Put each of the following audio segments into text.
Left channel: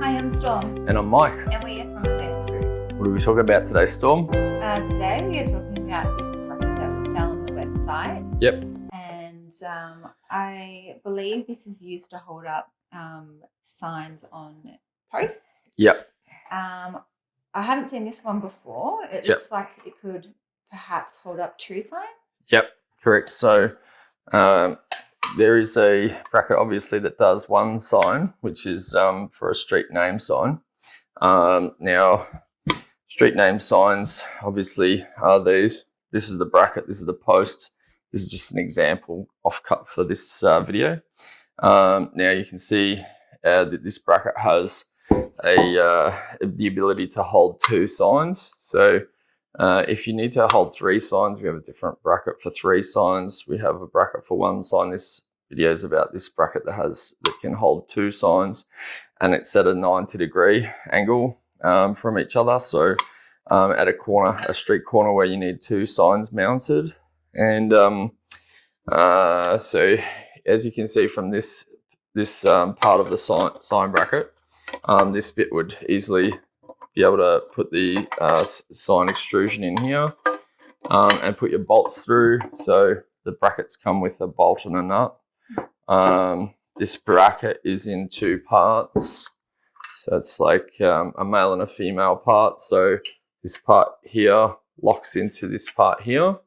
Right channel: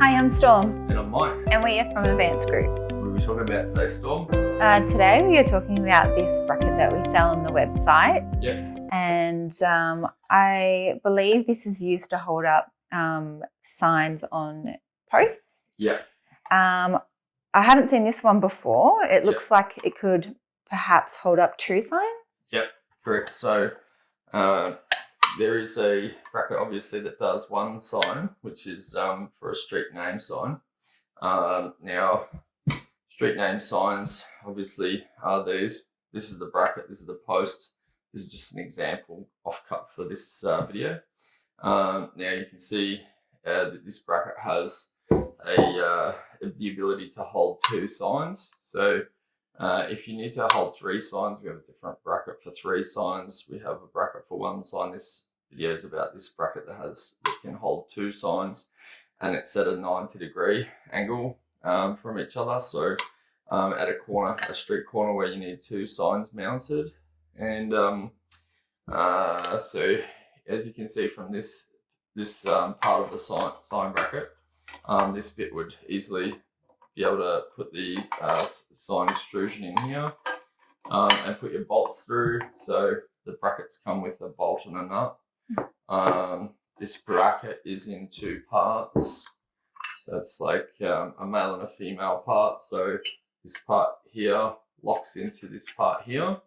Hi, I'm Storm. And I'm Mike. And we are from Advanced Group. What are we talking about today, Storm? Today we are talking about this bracket that we sell on the website. Yep. And I believe this is used to hold up signs on posts. Yep. I haven't seen this one before. It looks like it could perhaps hold up true signs. Yep, correct. So there is a bracket obviously that does one sign, which is for a street name sign. Now, street name signs obviously are these. This is the bracket, this is the post. This is just an example offcut for this video. Now you can see that this bracket has the ability to hold two signs. So if you need to hold three signs, we have a different bracket for three signs. We have a bracket for one sign. This video is about this bracket that can hold two signs, and it's at a 90-degree angle from each other. So at a street corner where you need two signs mounted. And so as you can see from this part of the sign bracket, this bit would easily be able to put the sign extrusion in here and put your bolts through. So the brackets come with a bolt and a nut. This bracket is in two parts. So it's like a male and a female part. So this part here locks into this part here.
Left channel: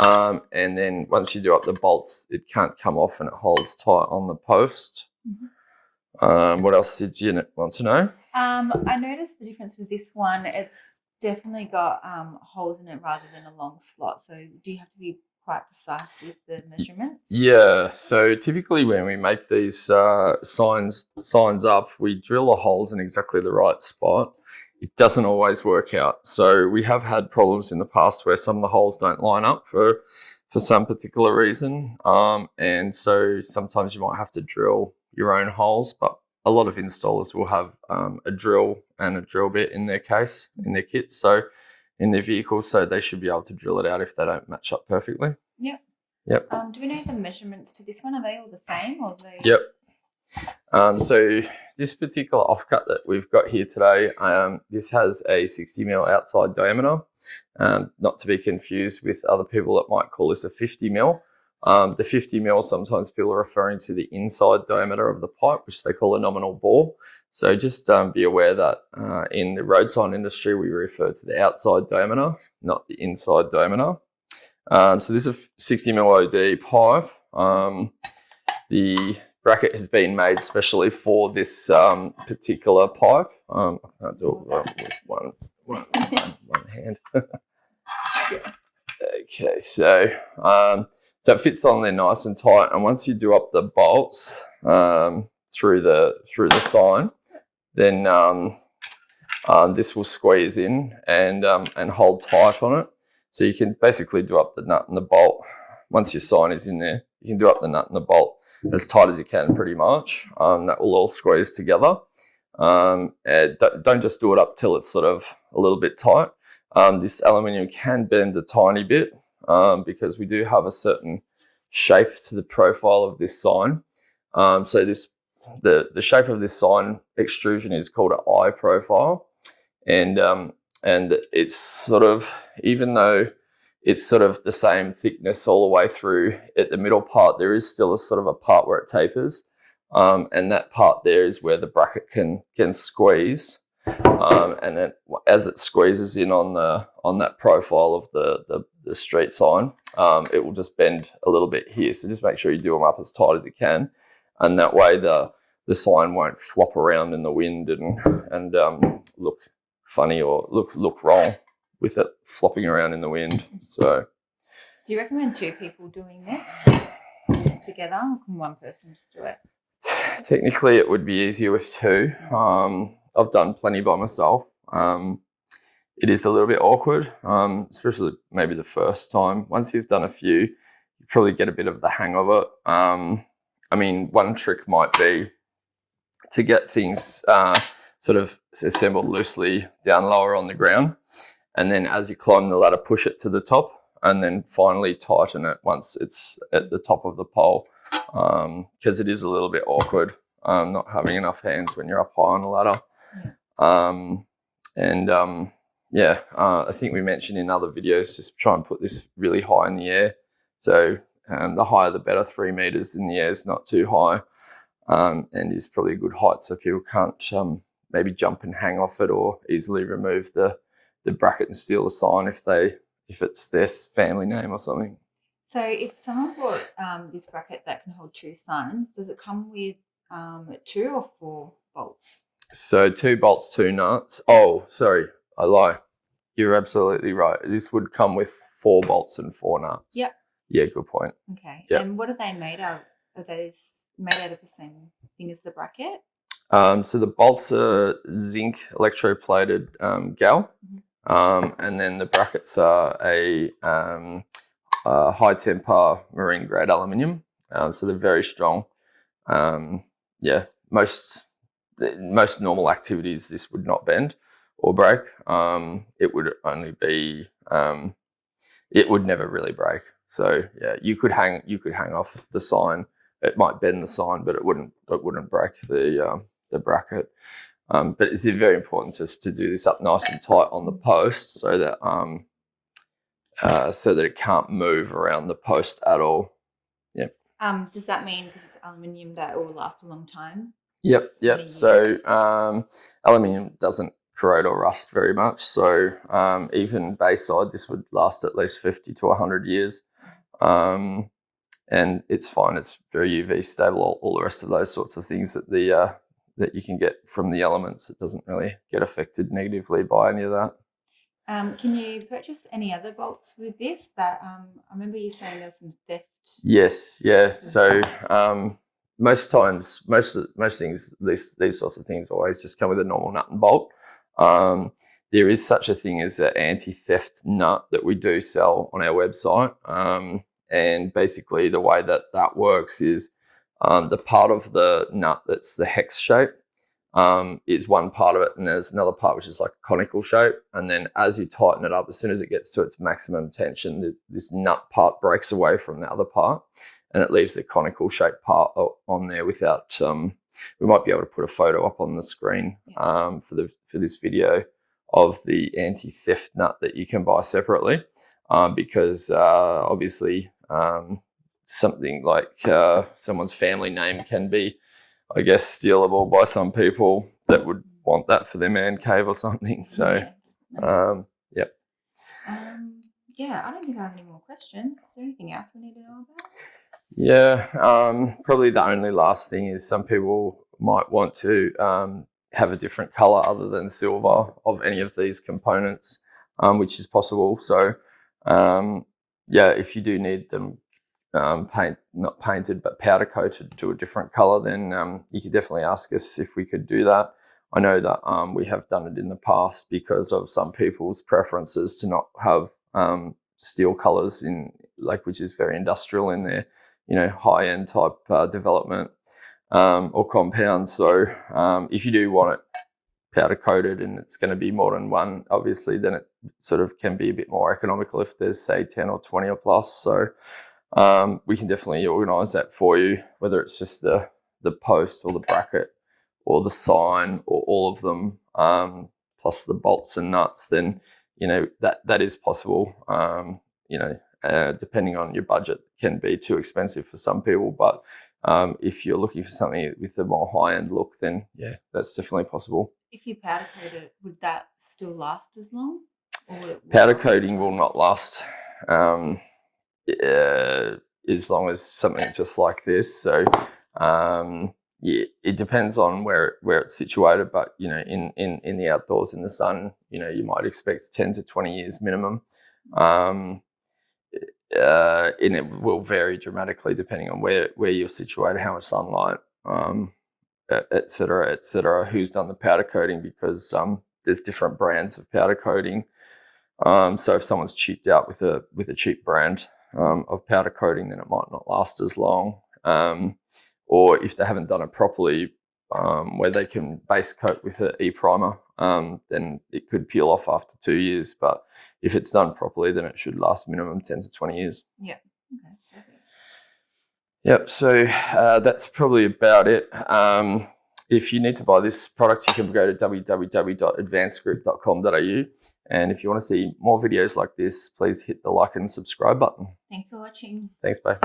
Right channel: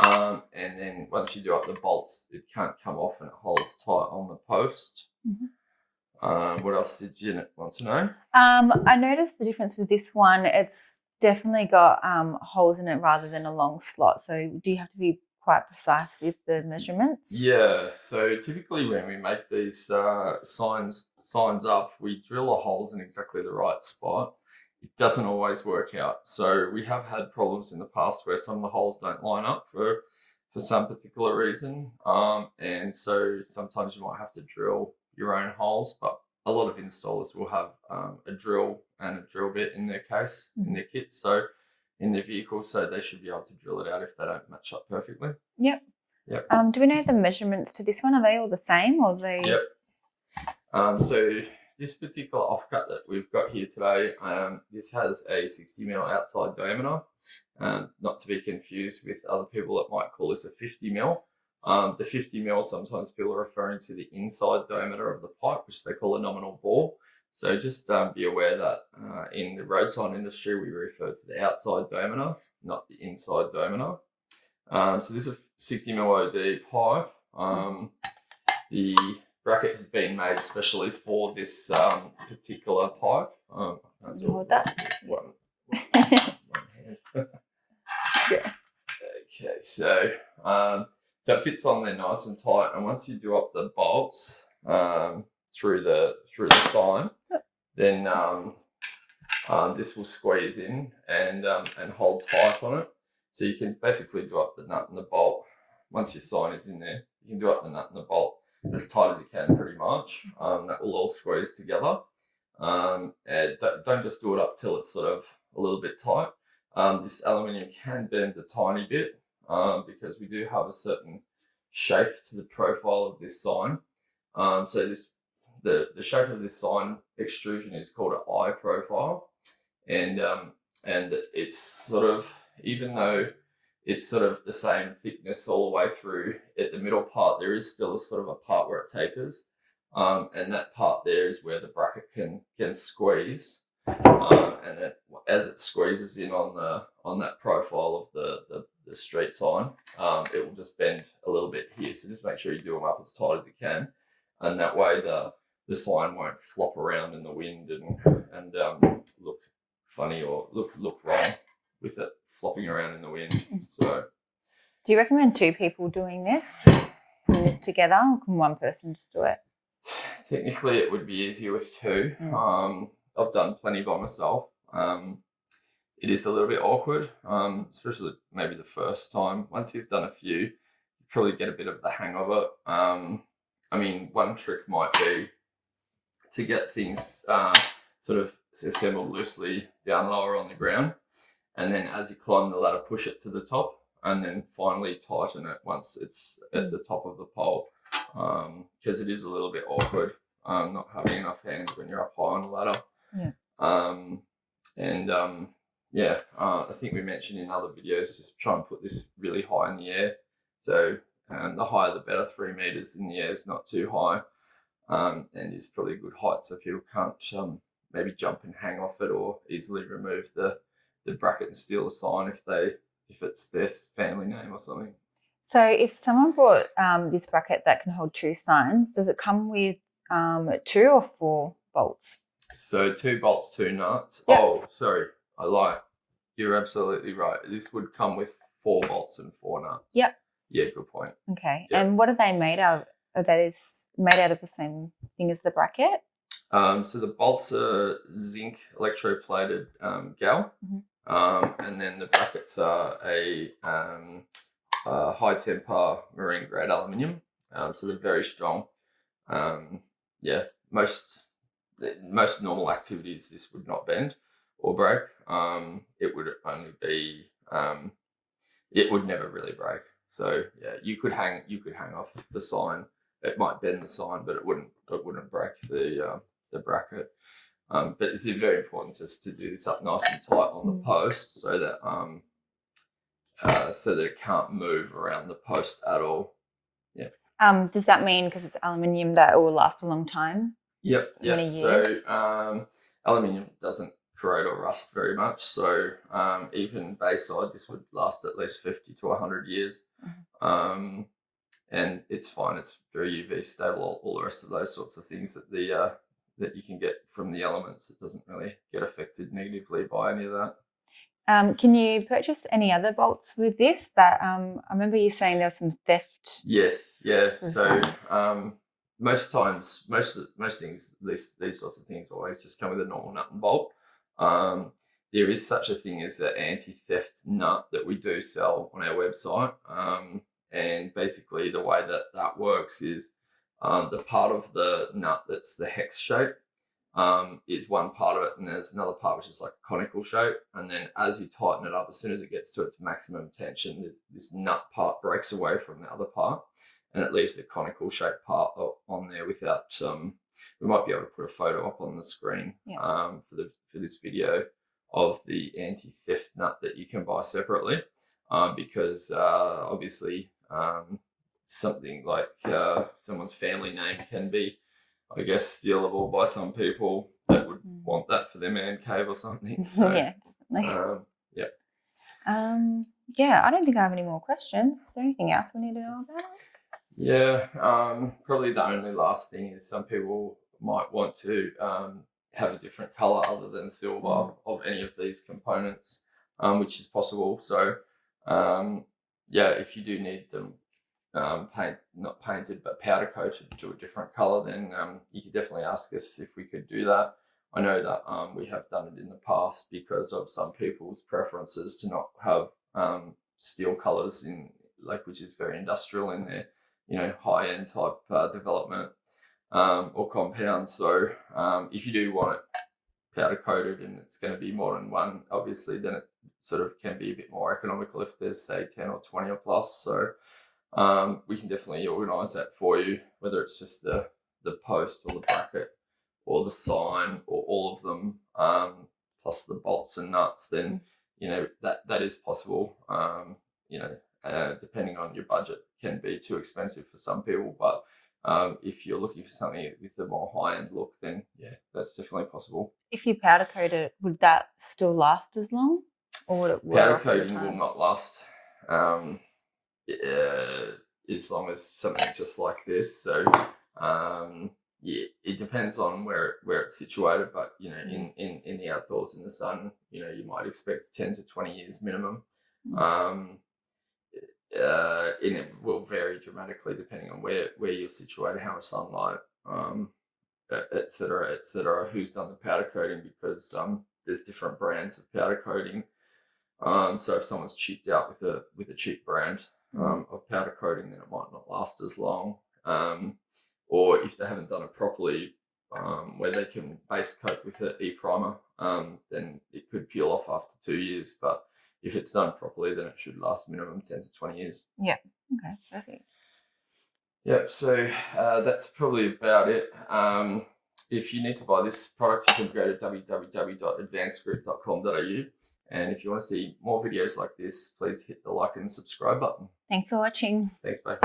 And then once you do up the bolts, it can't come off and it holds tight on the post. Mm-hmm. What else did you want to know? I noticed the difference with this one. It's definitely got holes in it rather than a long slot. So do you have to be quite precise with the measurements? Yeah. So typically when we make these signs up, we drill the holes in exactly the right spot. It doesn't always work out. So we have had problems in the past where some of the holes don't line up for some particular reason. And so sometimes you might have to drill your own holes, but a lot of installers will have a drill and a drill bit in their case, in their kit, so in their vehicle, so they should be able to drill it out if they don't match up perfectly. Yep. Do we know the measurements to this one? Are they all the same, or they? Yep. So this particular offcut that we've got here today, this has a 60mm outside diameter, not to be confused with other people that might call this a 50mm. The 50mm, sometimes people are referring to the inside diameter of the pipe, which they call a nominal bore. So just be aware that in the road sign industry, we refer to the outside diameter, not the inside diameter. So this is a 60mm OD pipe. The bracket has been made specially for this particular pipe. I can't do it with one hand. Okay, so it fits on there nice and tight. And once you do up the bolts through the sign, then this will squeeze in and hold tight on it. So you can basically do up the nut and the bolt. Once your sign is in there, you can do up the nut and the bolt as tight as you can, pretty much. That will all squeeze together. And don't just do it up till it's sort of a little bit tight. This aluminium can bend a tiny bit because we do have a certain shape to the profile of this sign. So the shape of this sign extrusion is called an eye profile, and it's sort of, even though it's sort of the same thickness all the way through at the middle part, there is still a sort of a part where it tapers, and that part there is where the bracket can squeeze, and then as it squeezes in on that profile of the street sign, it will just bend a little bit here. So just make sure you do them up as tight as you can, and that way the sign won't flop around in the wind and look funny or look wrong with it flopping around in the wind. So, do you recommend two people doing this together, or can one person just do it? Technically, it would be easier with two. I've done plenty by myself. It is a little bit awkward, especially maybe the first time. Once you've done a few, you probably get a bit of the hang of it. I mean, one trick might be to get things sort of assembled loosely down lower on the ground, and then as you climb the ladder, push it to the top, and then finally tighten it once it's at the top of the pole, because it is a little bit awkward. not having enough hands when you're up high on a ladder. I think we mentioned in other videos, just try and put this really high in the air. So the higher the better. 3 meters in the air is not too high, and is probably a good height so people can't maybe jump and hang off it, or easily remove the bracket and steal the sign if it's their family name or something. So if someone bought this bracket that can hold 2 signs, does it come with 2 or 4 bolts? So 2 bolts, 2 nuts. Oh, sorry, I lie. You're absolutely right. This would come with 4 bolts and 4 nuts. Yep. Yeah, good point. Okay. Yep. And what are they made of? Are they made out of the same thing as the bracket? So the bolts are zinc electroplated gal, and then the brackets are a high temper marine grade aluminium. So they're very strong. Most normal activities this would not bend or break. It would only be it would never really break. So yeah, you could hang off the sign. It might bend the sign, but it wouldn't break the bracket. But it's very important just to do this up nice and tight on the post, so that it can't move around the post at all. Yeah. Does that mean because it's aluminium that it will last a long time? Yep. So aluminium doesn't corrode or rust very much. So even Bayside, this would last at least 50 to 100 years. And it's fine. It's very UV stable. All the rest of those sorts of things that that you can get from the elements. It doesn't really get affected negatively by any of that. Can you purchase any other bolts with this? That I remember you saying there was some theft. Yes, yeah. So most times, most things, these sorts of things always just come with a normal nut and bolt. There is such a thing as an anti-theft nut that we do sell on our website. And basically the way that works is the part of the nut that's the hex shape is one part of it, and there's another part which is like a conical shape. And then as you tighten it up, as soon as it gets to its maximum tension, this nut part breaks away from the other part, and it leaves the conical shaped part on there without. We might be able to put a photo up on the screen for this video of the anti-theft nut that you can buy separately, because obviously something like someone's family name can be, I guess, stealable by some people that would want that for their man cave or something. So yeah, definitely. I don't think I have any more questions. Is there anything else we need to know about? Yeah, probably the only last thing is some people might want to have a different color other than silver of any of these components, which is possible. So if you do need them not painted but powder coated to a different color, then you could definitely ask us if we could do that. I know that we have done it in the past because of some people's preferences to not have steel colors in, like, which is very industrial in their high end type development or compound. So if you do want it powder coated and it's going to be more than one, obviously, then it sort of can be a bit more economical if there's, say, 10 or 20 or plus. So we can definitely organise that for you, whether it's just the post or the bracket or the sign or all of them, plus the bolts and nuts. Then that is possible. Depending on your budget, can be too expensive for some people, but if you're looking for something with a more high-end look, then yeah, that's definitely possible. If you powder coat it, would that still last as long, or would it powder coating will not last as long as something just like this. So it depends on where it's situated, but in the outdoors in the sun, you might expect 10 to 20 years minimum. And it will vary dramatically depending on where you're situated, how much sunlight, et cetera, who's done the powder coating, because there's different brands of powder coating. So if someone's cheaped out with a cheap brand of powder coating, then it might not last as long. Or if they haven't done it properly, where they can base coat with an e-primer, then it could peel off after 2 years. But if it's done properly, then it should last minimum 10 to 20 years. Yeah. Okay. Perfect. Yep, so that's probably about it. If you need to buy this product, you can go to www.advancedgroup.com.au. And if you want to see more videos like this, please hit the like and subscribe button. Thanks for watching. Thanks, bye.